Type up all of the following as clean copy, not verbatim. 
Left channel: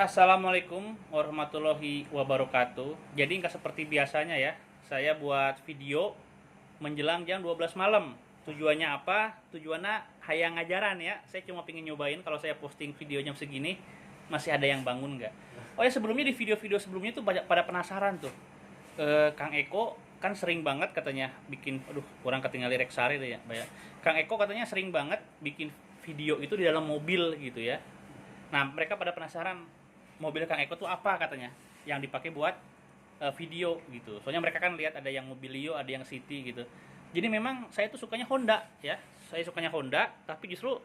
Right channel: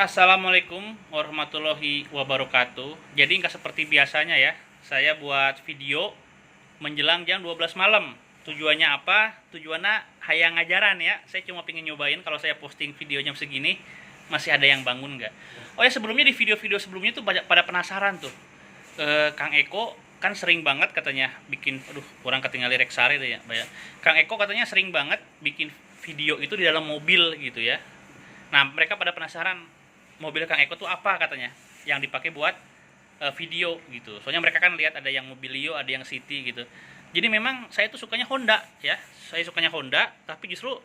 Assalamualaikum warahmatullahi wabarakatuh. Jadi nggak seperti biasanya ya, saya buat video menjelang jam 12 malam. Tujuannya apa? Tujuannya hayang ngajaran ya. Saya cuma pengen nyobain kalau saya posting video jam segini masih ada yang bangun nggak. Oh ya, sebelumnya di video-video sebelumnya tuh banyak pada penasaran tuh. Kang Eko kan sering banget katanya bikin, aduh kurang ketinggalan rek sare deh ya. Kang Eko katanya sering banget bikin video itu di dalam mobil gitu ya. Nah, mereka pada penasaran mobil Kang Eko tuh apa katanya yang dipakai buat video gitu. Soalnya mereka kan lihat ada yang Mobilio, ada yang City gitu. Jadi memang saya tuh sukanya Honda ya. Saya sukanya Honda, tapi justru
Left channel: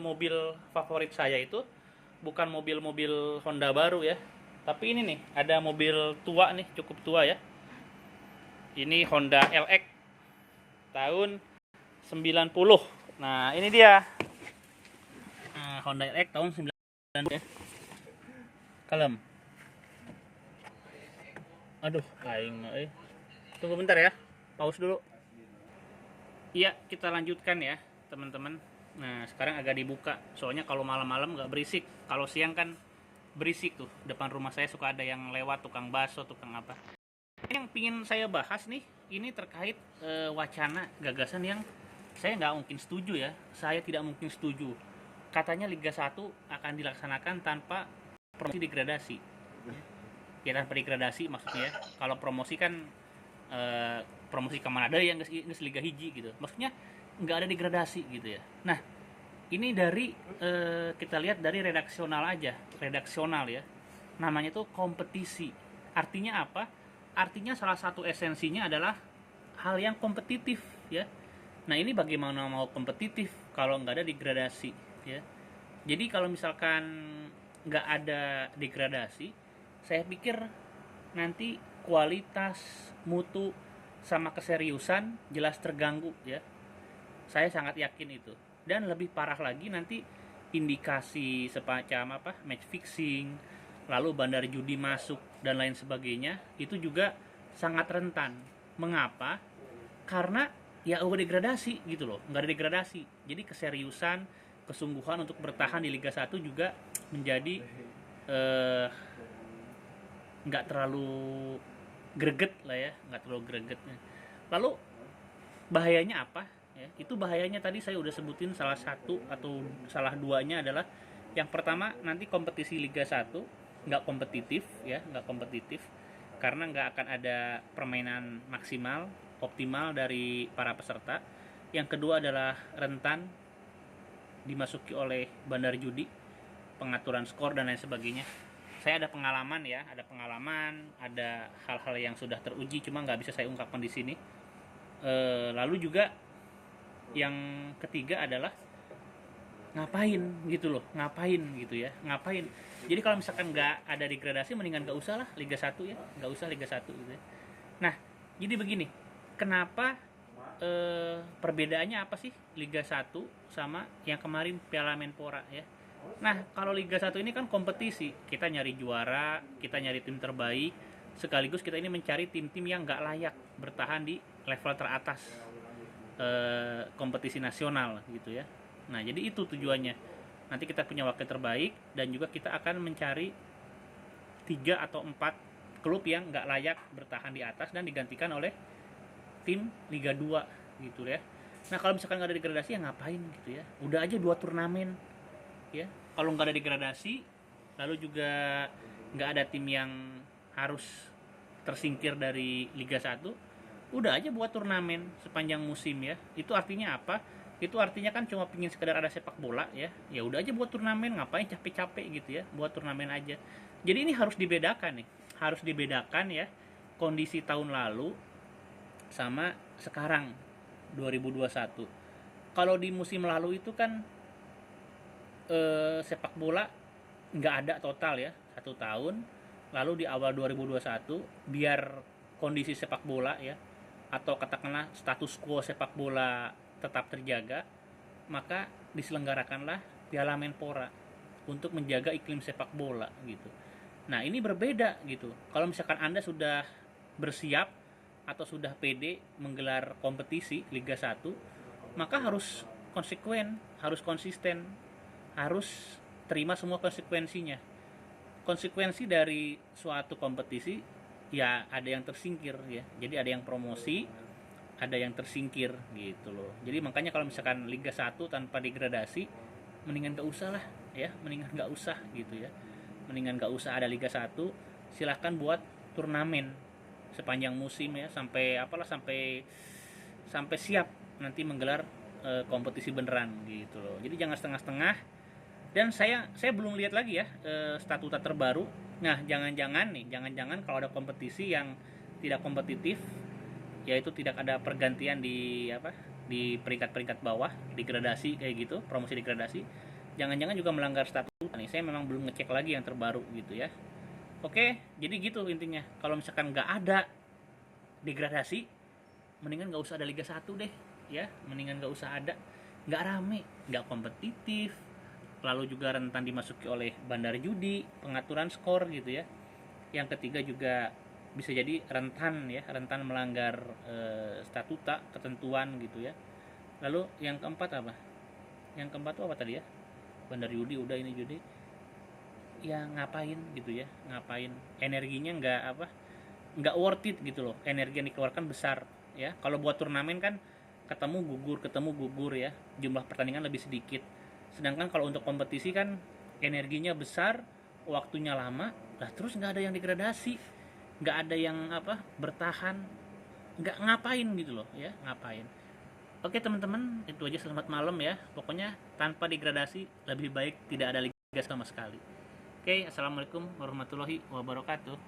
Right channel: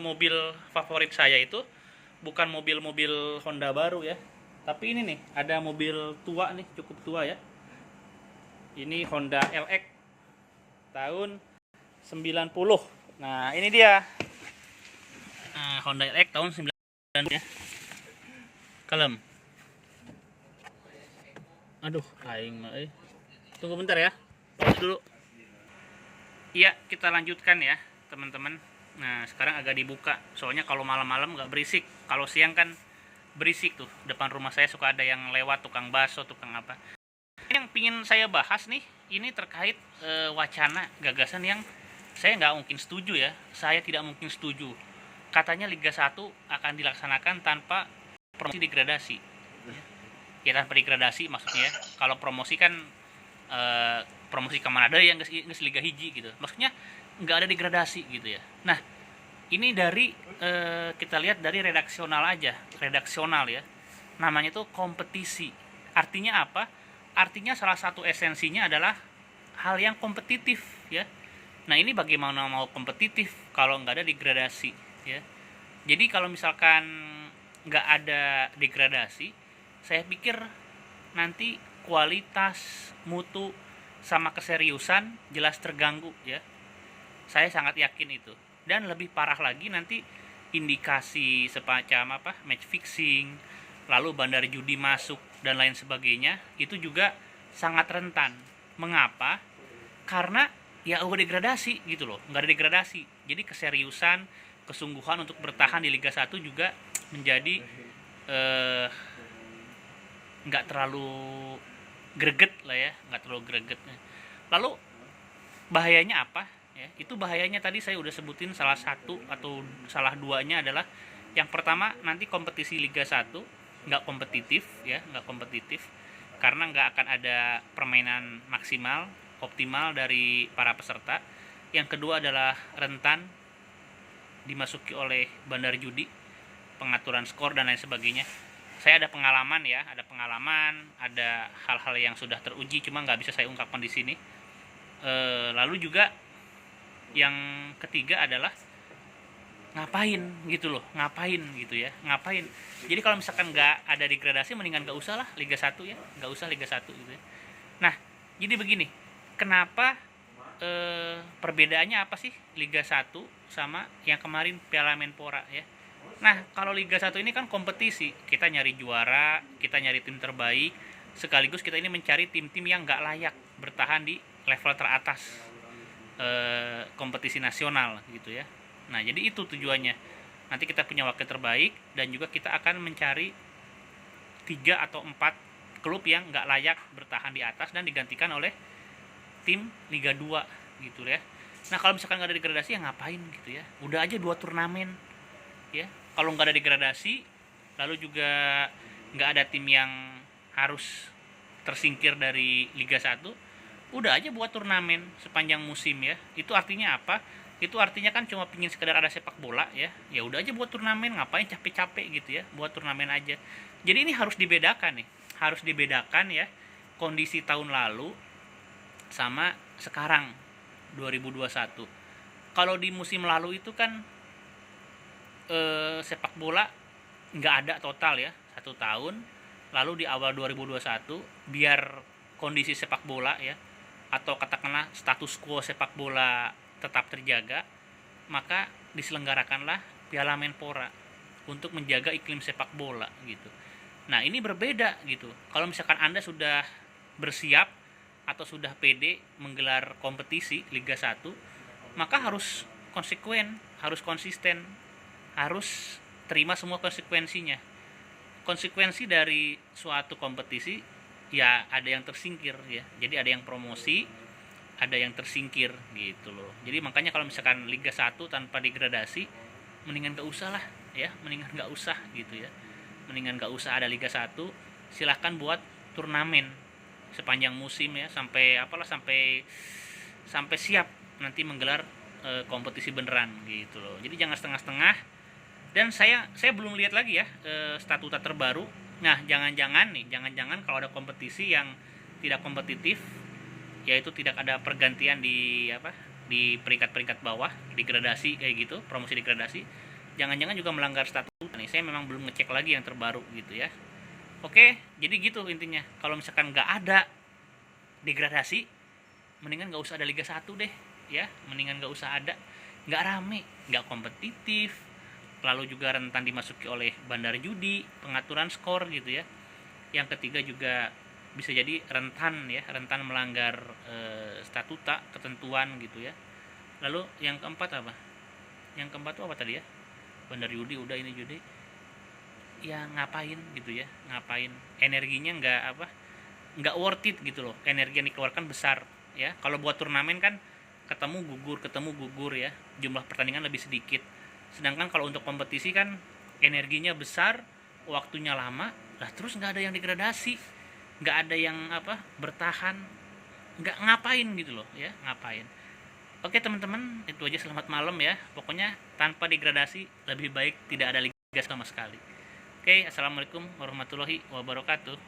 mobil favorit saya itu bukan mobil-mobil Honda baru ya. Tapi ini nih, ada mobil tua nih, cukup tua ya. Ini Honda LX tahun 90. Nah, ini dia. Honda LX tahun 90 ya. Kalem. Aduh, aing mah Tunggu bentar ya. Pause dulu. Iya, kita lanjutkan ya, teman-teman. Nah, sekarang agak dibuka. Soalnya kalau malam-malam nggak berisik. Kalau siang kan berisik tuh. Depan rumah saya suka ada yang lewat, tukang bakso, tukang apa. Yang pingin saya bahas nih, ini terkait wacana gagasan yang saya nggak mungkin setuju ya. Saya tidak mungkin setuju. Katanya Liga 1 akan dilaksanakan tanpa promosi degradasi. Ya tanpa degradasi maksudnya. Kalau promosi kan promosi kemana ada yang nggak Liga hiji gitu. Maksudnya nggak ada degradasi gitu ya. Nah, ini dari kita lihat dari redaksional aja, redaksional ya. Namanya tuh kompetisi. Artinya apa? Artinya salah satu esensinya adalah hal yang kompetitif ya. Nah, ini bagaimana mau kompetitif kalau nggak ada degradasi ya. Jadi kalau misalkan nggak ada degradasi, saya pikir nanti kualitas, mutu, sama keseriusan jelas terganggu ya. Saya sangat yakin itu. Dan lebih parah lagi nanti indikasi semacam apa, match fixing, lalu bandar judi masuk dan lain sebagainya, itu juga sangat rentan. Mengapa? Karena ya udah degradasi gitu loh, nggak ada degradasi. Jadi keseriusan, kesungguhan untuk bertahan di Liga 1 juga menjadi nggak terlalu greget lah ya, nggak terlalu greget. Lalu bahayanya apa ya? Itu bahayanya tadi saya udah sebutin salah satu atau salah duanya adalah yang pertama, nanti kompetisi Liga 1 nggak kompetitif ya, nggak kompetitif karena nggak akan ada permainan maksimal optimal dari para peserta. Yang kedua adalah rentan dimasuki oleh bandar judi, pengaturan skor dan lain sebagainya. Saya ada pengalaman ya, ada hal-hal yang sudah teruji, cuma nggak bisa saya ungkapkan di sini. Lalu juga yang ketiga adalah ngapain gitu ya, ngapain. Jadi kalau misalkan nggak ada degradasi, mendingan nggak usah lah Liga 1 ya, nggak usah Liga 1 gitu ya. Nah, jadi begini, kenapa perbedaannya apa sih Liga 1 sama yang kemarin Piala Menpora ya. Nah, kalau Liga 1 ini kan kompetisi, kita nyari juara, kita nyari tim terbaik, sekaligus kita ini mencari tim-tim yang nggak layak bertahan di level teratas kompetisi nasional gitu ya. Nah, jadi itu tujuannya. Nanti kita punya wakil terbaik dan juga kita akan mencari 3 atau 4 klub yang nggak layak bertahan di atas dan digantikan oleh tim Liga 2 gitu ya. Nah, kalau misalkan nggak ada degradasi ya ngapain gitu ya. Udah aja 2 turnamen ya. Kalau nggak ada degradasi, lalu juga nggak ada tim yang harus tersingkir dari Liga 1, udah aja buat turnamen sepanjang musim ya. Itu artinya apa? Itu artinya kan cuma pingin sekedar ada sepak bola ya. Ya udah aja buat turnamen, ngapain capek-capek gitu ya, buat turnamen aja. Jadi ini harus dibedakan nih. Harus dibedakan ya kondisi tahun lalu sama sekarang 2021. Kalau di musim lalu itu kan sepak bola nggak ada total ya 1 tahun. Lalu di awal 2021 biar kondisi sepak bola ya, atau katakanlah status quo sepak bola tetap terjaga, maka diselenggarakanlah Piala Menpora untuk menjaga iklim sepak bola gitu. Nah, ini berbeda gitu. Kalau misalkan Anda sudah bersiap atau sudah pede menggelar kompetisi Liga 1, maka harus konsekuen, harus konsisten, harus terima semua konsekuensinya. konsekuensi dari suatu kompetisi ya ada yang tersingkir ya. Jadi ada yang promosi, ada yang tersingkir gitu loh. Jadi makanya kalau misalkan Liga 1 tanpa degradasi, mendingan gak usah lah ya, mendingan gak usah gitu ya. Mendingan gak usah ada Liga 1, silahkan buat turnamen sepanjang musim ya, sampai sampai siap nanti menggelar kompetisi beneran gitu loh. Jadi jangan setengah-setengah. Dan saya belum lihat lagi ya statuta terbaru. Nah, jangan-jangan kalau ada kompetisi yang tidak kompetitif, yaitu tidak ada pergantian di peringkat-peringkat bawah, degradasi kayak gitu, promosi degradasi, jangan-jangan juga melanggar statuta nih. Saya memang belum ngecek lagi yang terbaru gitu ya. Oke, jadi gitu intinya. Kalau misalkan nggak ada degradasi, mendingan nggak usah ada Liga 1 deh ya, mendingan nggak usah ada, nggak rame, nggak kompetitif, lalu juga rentan dimasuki oleh bandar judi, pengaturan skor gitu ya. Yang ketiga juga bisa jadi rentan melanggar statuta, ketentuan gitu ya. Lalu yang keempat apa? Yang keempat itu apa tadi ya? Bandar judi udah, ini judi. Ya ngapain gitu ya? Ngapain? Energinya nggak worth it gitu loh. Energi yang dikeluarkan besar ya. Kalau buat turnamen kan ketemu gugur ya. Jumlah pertandingan lebih sedikit. Sedangkan kalau untuk kompetisi kan energinya besar, waktunya lama, lah terus nggak ada yang degradasi, nggak ada yang bertahan, nggak ngapain gitu loh ya, ngapain. Oke teman-teman, itu aja, selamat malam ya. Pokoknya tanpa degradasi lebih baik tidak ada liga sama sekali. Oke, assalamualaikum warahmatullahi wabarakatuh.